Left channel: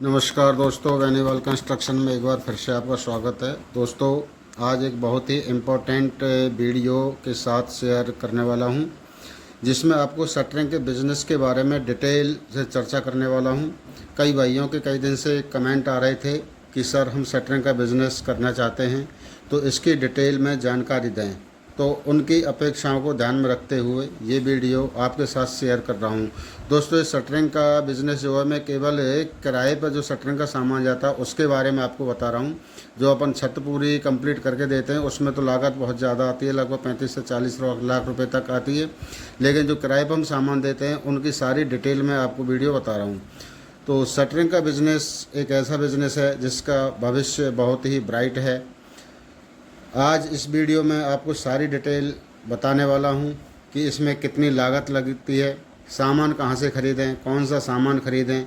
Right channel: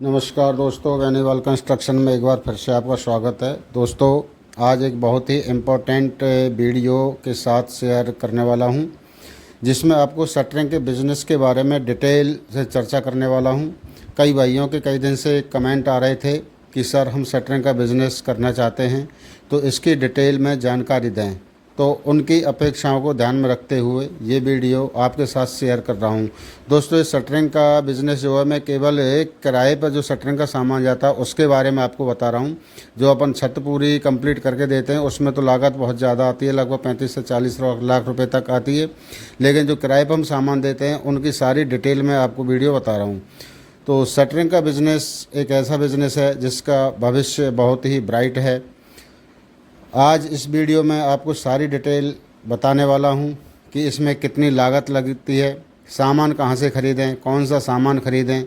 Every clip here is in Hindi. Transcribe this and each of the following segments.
नमस्कार दोस्तों, वैनीवाल कंस्ट्रक्शन में एक बार फिर से आपका स्वागत है। दोस्तों, आज एक बहुत ही इम्पोर्टेंट वीडियो के साथ शेयर करने वाला हूं, जिसमें आपको शटरिंग के बिज़नेस के बारे में डिटेल से चर्चा करने वाला हूं। कई भाइयों के कई दिन से कमेंट आ रहे थे कि सर हम शटरिंग का बिज़नेस करना चाहते हैं, तो इसकी डिटेल में जानकारी दें। तो उनकी अपेक्षाओं को ध्यान में रखते हुए ये वीडियो आपके साथ शेयर कर रहा हूँ। दोस्तों, इस शटरिंग का बिज़नेस जो है, मैं केवल एक किराए पर जो शटरिंग का सामान जाता है उसके बारे में आपको बता रहा हूँ। जो अपन छत पूरी कंप्लीट करके देते हैं उसमें तो लागत बहुत ज़्यादा आती है, लगभग 35 से 40 लाख रुपए तक आती है। लेकिन जो किराए पर हम सामान देते हैं उनकी सारी डिटेल में आपको वीडियो बता रहा हूँ। तो शटरिंग का बिज़नेस एक ऐसा बिज़नेस है जिसका भविष्य बहुत ही ब्राइट है। आज इस वीडियो में आपको सारी डिटेल बताने वाला हूं कि इसमें कितनी लागत लगती है, सामान कहां से ख़रीदें, कौन सा सामान ख़रीदें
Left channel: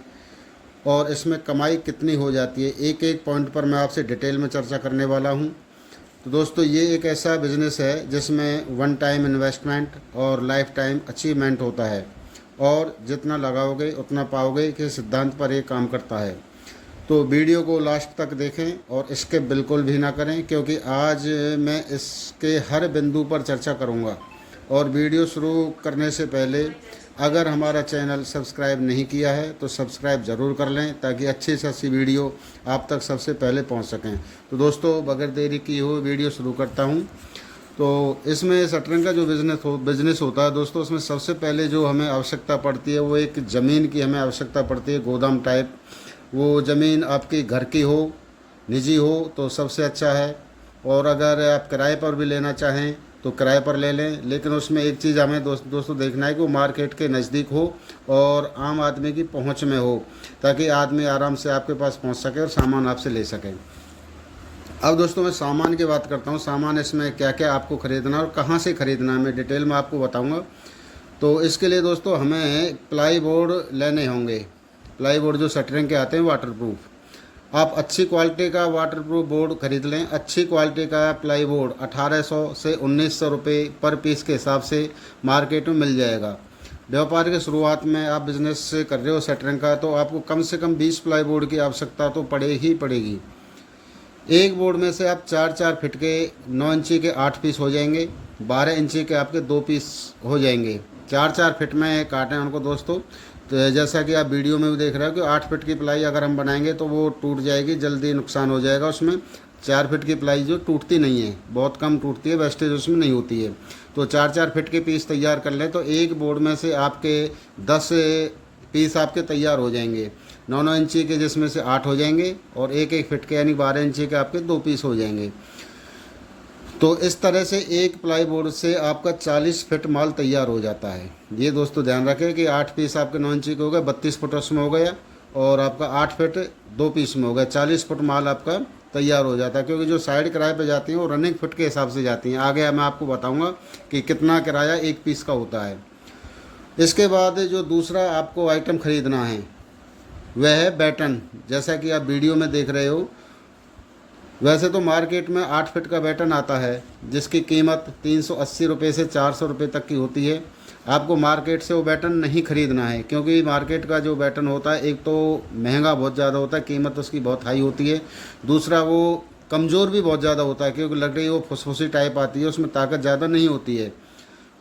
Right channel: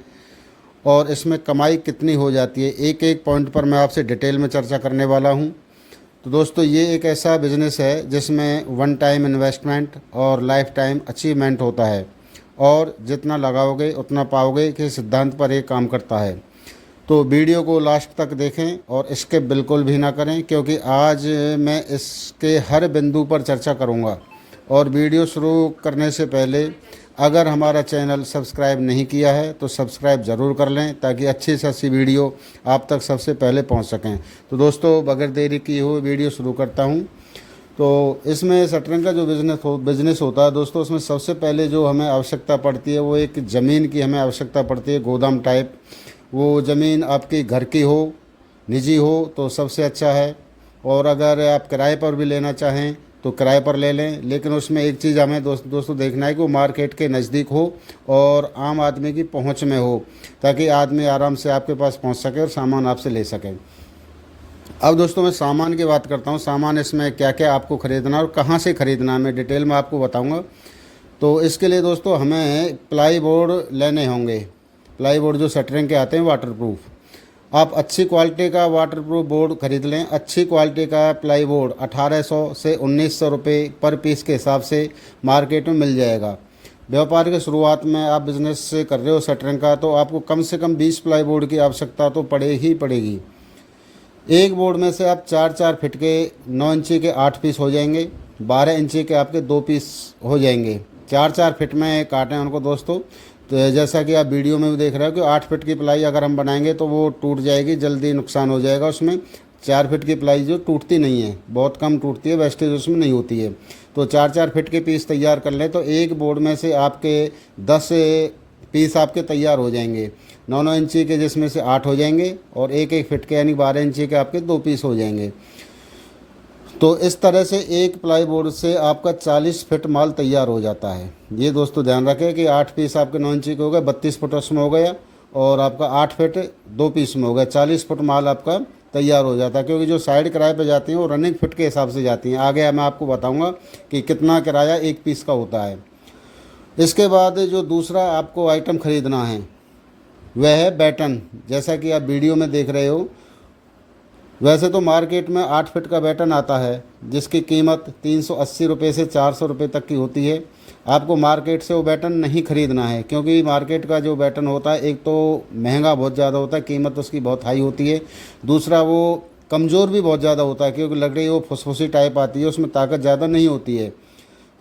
और इसमें कमाई कितनी हो जाती है। एक एक पॉइंट पर मैं आपसे डिटेल में चर्चा करने वाला हूं। तो दोस्तों, ये एक ऐसा बिज़नेस है जिसमें वन टाइम इन्वेस्टमेंट और लाइफ टाइम अचीवमेंट होता है, और जितना लगाओगे उतना पाओगे के सिद्धांत पर ये काम करता है। तो वीडियो को लास्ट तक देखें और स्किप बिल्कुल भी ना करें, क्योंकि आज मैं इसके हर बिंदु पर चर्चा करूंगा। और वीडियो शुरू करने से पहले अगर हमारा चैनल सब्सक्राइब नहीं किया है तो सब्सक्राइब ज़रूर कर लें, ताकि अच्छी से अच्छी वीडियो आप तक सबसे पहले पहुंच सकें। तो दोस्तों, बगैर देरी की हुई वीडियो शुरू करता हूं। तो इसमें शटरिंग का जो बिज़नेस होता है दोस्तों, उसमें सबसे पहले जो हमें आवश्यकता पड़ती है वो एक ज़मीन की हमें आवश्यकता पड़ती है, गोदाम टाइप। वो ज़मीन आपकी घर की हो, निजी हो तो सबसे अच्छा है। और अगर आप किराए पर भी लेना चाहें तो किराए पर ले लें, लेकिन उसमें एक चीज़ हमें दोस्तों देखना है कि वो मार्केट के नज़दीक हो और आम आदमी की पहुंच में हो, ताकि आदमी आराम से आपके पास पहुंच सके और सामान आपसे ले सके। अब दोस्तों, मैं सामान की बात करता हूं। सामान इसमें क्या क्या आपको ख़रीदना और कहां से ख़रीदना है मैं डिटेल में आपको बताऊंगा। तो इसके लिए दोस्तों हमें प्लाई बोर्ड लेने होंगे। प्लाई बोर्ड जो शटरिंग के आते हैं वाटरप्रूफ। आप अच्छी क्वालिटी का वाटरप्रूफ बोर्ड खरीद लें। अच्छी क्वालिटी का प्लाई बोर्ड 1800 से 1900 रुपये पर पीस के हिसाब से मार्केट में मिल जाएगा। व्यापार के शुरुआत में आप बिज़नेस कर रहे हो शटरिंग का, तो आपको कम से कम 20 प्लाई बोर्ड की आवश्यकता तो पड़ेगी। एक बोर्ड में से आप 4-4 फिट के 9 इंची के 8 पीस हो जाएंगे, 12 इंची के आपके 2 पीस हो जाएंगे। 4-4 फिट में काटें उनको दोस्तों। तो जैसा कि आप वीडियो में भी देख रहे हो कि 8 फिट की प्लाई अगर हम बनाएंगे तो वो टूट जाएगी, जल्दी नुकसान हो जाएगा उसमें। 4 फिट की प्लाई जो टूटती नहीं है, बहुत कम टूटती है, वेस्टेज उसमें नहीं होती है। तो 4-4 फिट के पीस तैयार कर लें तो एक बोर्ड में से आपके 10 पीस आपके तैयार हो जाएंगे। 9-9 इंची के जिसमें से 8 हो जाएंगे, और 1-1 फिट के यानी 12 इंची के आपके 2 पीस हो जाएंगे। तो इस तरह से एक प्लाई बोर्ड से आपका 40 फिट माल तैयार हो जाता है। ये दोस्तों ध्यान रखें कि 8 पीस आपके 9 इंची के हो गए, 32 फुट उसमें हो गया, और आपका 8 फिट 2 पीस में हो गया, 40 फुट माल आपका तैयार हो जाता है। क्योंकि जो साइड किराए पे जाती हैं वो रनिंग फिट के हिसाब से जाती हैं। आगे मैं आपको बताऊंगा कि कितना किराया एक पीस का होता है। इसके बाद जो दूसरा आपको आइटम ख़रीदना है वह है बैटन। जैसा कि आप वीडियो में देख रहे हो, वैसे तो मार्केट में 8 फिट का बैटन आता है जिसकी कीमत 380 रुपये से 400 रुपये तक की होती है। आपको मार्केट से वो बैटन नहीं ख़रीदना है, क्योंकि मार्केट का जो बैटन होता है एक तो महंगा बहुत ज़्यादा होता है, कीमत उसकी बहुत हाई होती है। दूसरा वो कमज़ोर भी बहुत ज़्यादा होता है, क्योंकि लकड़ी वो फुसफुसी टाइप आती है, उसमें ताकत ज़्यादा नहीं होती है।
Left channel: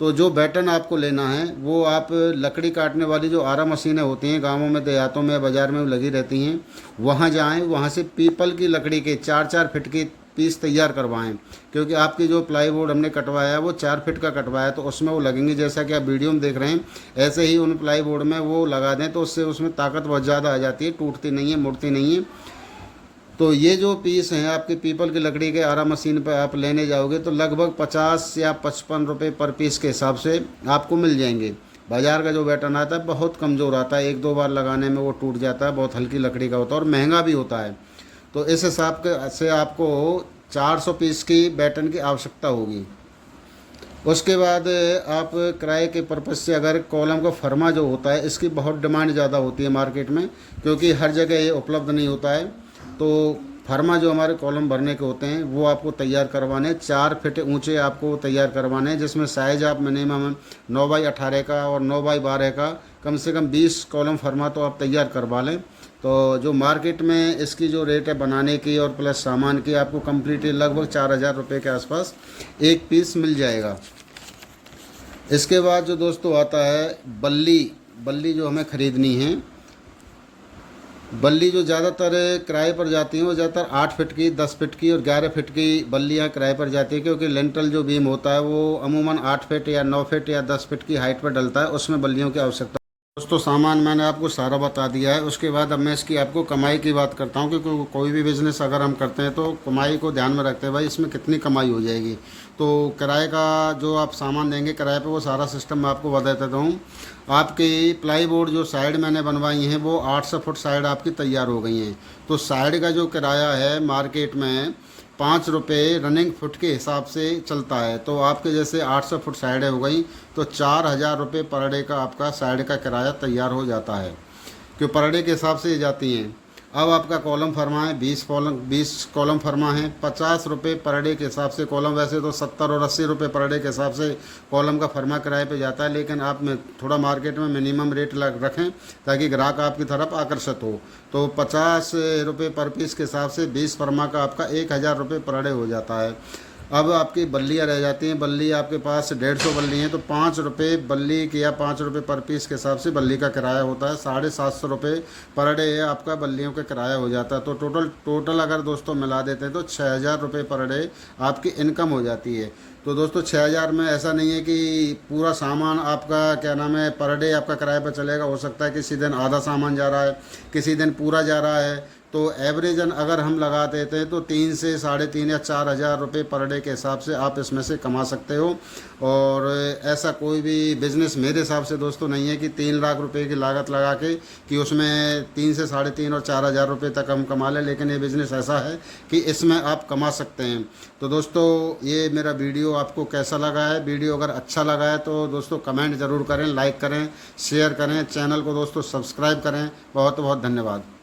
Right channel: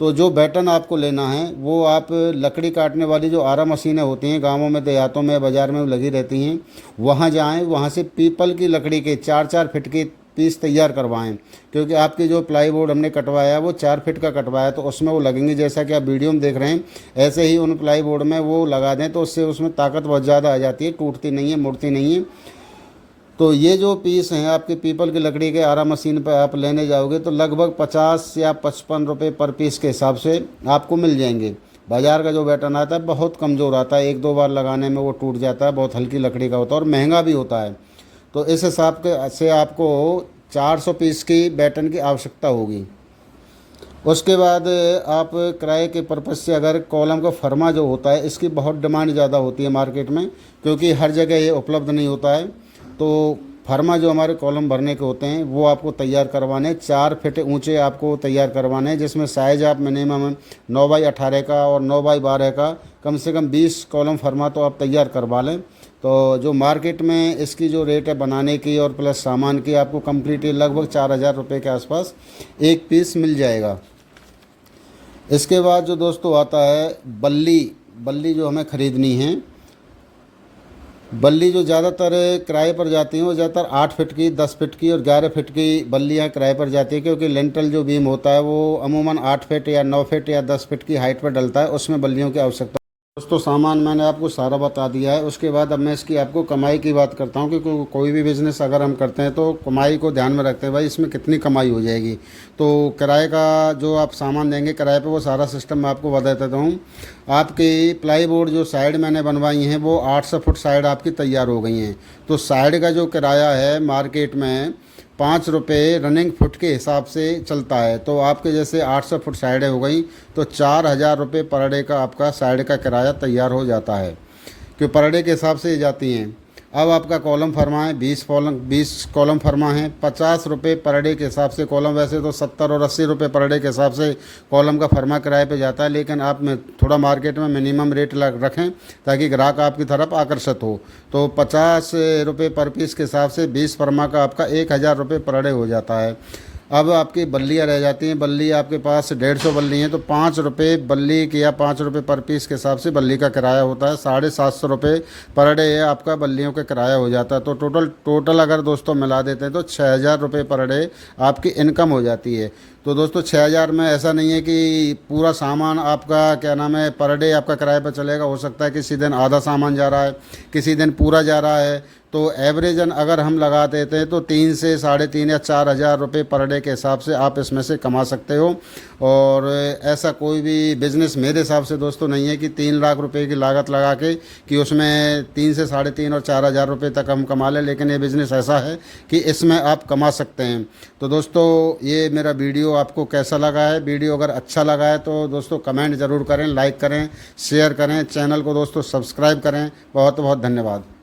तो जो बैटन आपको लेना है वो आप लकड़ी काटने वाली जो आरा मशीनें होती हैं, गांवों में, देहातों में, बाज़ार में लगी रहती हैं, वहां जाएं, वहां से पीपल की लकड़ी के 4-4 फिट के पीस तैयार करवाएं। क्योंकि आपकी जो प्लाई बोर्ड हमने कटवाया वो 4 फिट का कटवाया, तो उसमें वो लगेंगे जैसा कि आप वीडियो में देख रहे हैं, ऐसे ही उन प्लाई बोर्ड में वो लगा दें, तो उससे उसमें ताकत बहुत ज़्यादा आ जाती है, टूटती नहीं है, मुड़ती नहीं है। तो ये जो पीस हैं आपके पीपल की लकड़ी के आरा मशीन पर आप लेने जाओगे तो लगभग 50 या 55 रुपये पर पीस के हिसाब से आपको मिल जाएंगे। बाज़ार का जो बैटन आता है बहुत कमज़ोर आता है, 1-2 बार लगाने में वो टूट जाता है, बहुत हल्की लकड़ी का होता है और महंगा भी होता है। तो इस हिसाब से आपको 400 पीस की बैटन की आवश्यकता होगी। उसके बाद आप किराए के पर्पज़ से अगर कॉलम का फर्मा जो होता है, इसकी बहुत डिमांड ज़्यादा होती है मार्केट में, क्योंकि हर जगह ये उपलब्ध नहीं होता है। तो फर्मा जो हमारे कॉलम भरने के होते हैं वो आपको तैयार करवाने, 4 फिट ऊंचे आपको तैयार करवाने, जिसमें साइज़ आप मिनिमम 9x18 का और 9x12 का कम से कम 20 कॉलम फर्मा तो आप तैयार करवा लें। तो जो मार्केट में इसकी जो रेट है बनाने की और प्लस सामान की, आपको कम्प्लीटली लगभग 4,000 रुपये के आसपास एक पीस मिल जाएगा। इसके बाद जो दोस्तों आता है बल्ली जो हमें ख़रीदनी है, बल्ली जो ज़्यादातर किराए पर जाती हैं वो ज़्यादातर 8 फीट की, 10 फीट की और 11 फीट की बल्लियाँ किराए पर जाती है, क्योंकि लेंटल जो बीम होता है वो अमूमन 8 फीट या 9 फीट या 10 फीट की हाइट पर डलता है, उसमें बल्लियों की आवश्यकता। दोस्तों सामान मैंने आपको सारा बता दिया है। उसके बाद अब मैं इसकी आपको कमाई की बात करता हूँ, क्योंकि कोई भी बिज़नेस अगर हम करते हैं तो कमाई को ध्यान में रखते हैं, भाई इसमें कितनी कमाई हो जाएगी। तो किराए का जो आप सामान देंगे किराए पे, वो सारा सिस्टम मैं आपको बता देता हूँ। आपकी प्लाई बोर्ड जो साइड मैंने बनवाई हैं वो 800 फुट साइड आपकी तैयार हो गई हैं। तो साइड का जो किराया है मार्केट में 5 रुपये रनिंग फुट के हिसाब से चलता है। तो आपके जैसे 800 फुट साइडें हो गई तो 4,000 रुपये पर डे का आपका साइड का किराया तैयार हो जाता है, जो पर डे के हिसाब से जाती हैं। अब आपका कॉलम फर्मा है, 20 कॉलम फर्मा है, 50 रुपये पर डे के हिसाब से कॉलम। वैसे तो 70 और 80 रुपये पर डे के हिसाब से कॉलम का फर्मा किराए पे जाता है, लेकिन आप में थोड़ा मार्केट में मिनिमम रेट रखें ताकि ग्राहक आपकी तरफ आकर्षित हो। तो 50 रुपये पर पीस के हिसाब से 20 फर्मा का आपका 1,000 रुपये पर डे हो जाता है। अब आपकी बल्लियाँ रह जाती हैं। बल्ली आपके पास 150 बल्ली हैं तो 5 रुपये बल्ली के या 5 रुपये पर पीस के हिसाब से बल्ली का किराया होता है। 750 रुपये पर डे आपका बल्लियों का किराया हो जाता है। तो टोटल अगर दोस्तों मिला देते हैं तो 6,000 रुपये पर डे आपकी इनकम हो जाती है। तो दोस्तों 6,000 में ऐसा नहीं है कि पूरा सामान आपका क्या नाम है पर डे आपका किराए पर चलेगा। हो सकता है किसी दिन आधा सामान जा रहा है, किसी दिन पूरा जा रहा है। तो एवरेजन अगर हम लगा देते हैं तो 3 से 3.5 या 4,000 रुपये पर डे के हिसाब से आप इसमें से कमा सकते हो। और ऐसा कोई भी बिज़नेस मेरे हिसाब से दोस्तों नहीं है कि 3 लाख रुपए की लागत लगा के कि उसमें 3 से 3.5 और 4,000 रुपये तक हम कमा लें। लेकिन ये बिज़नेस ऐसा है कि इसमें आप कमा सकते हैं। तो दोस्तों ये मेरा वीडियो आपको कैसा लगा है? वीडियो अगर अच्छा लगा है तो दोस्तों कमेंट ज़रूर करें, लाइक करें, शेयर करें, चैनल को दोस्तों सब्सक्राइब करें। बहुत बहुत धन्यवाद।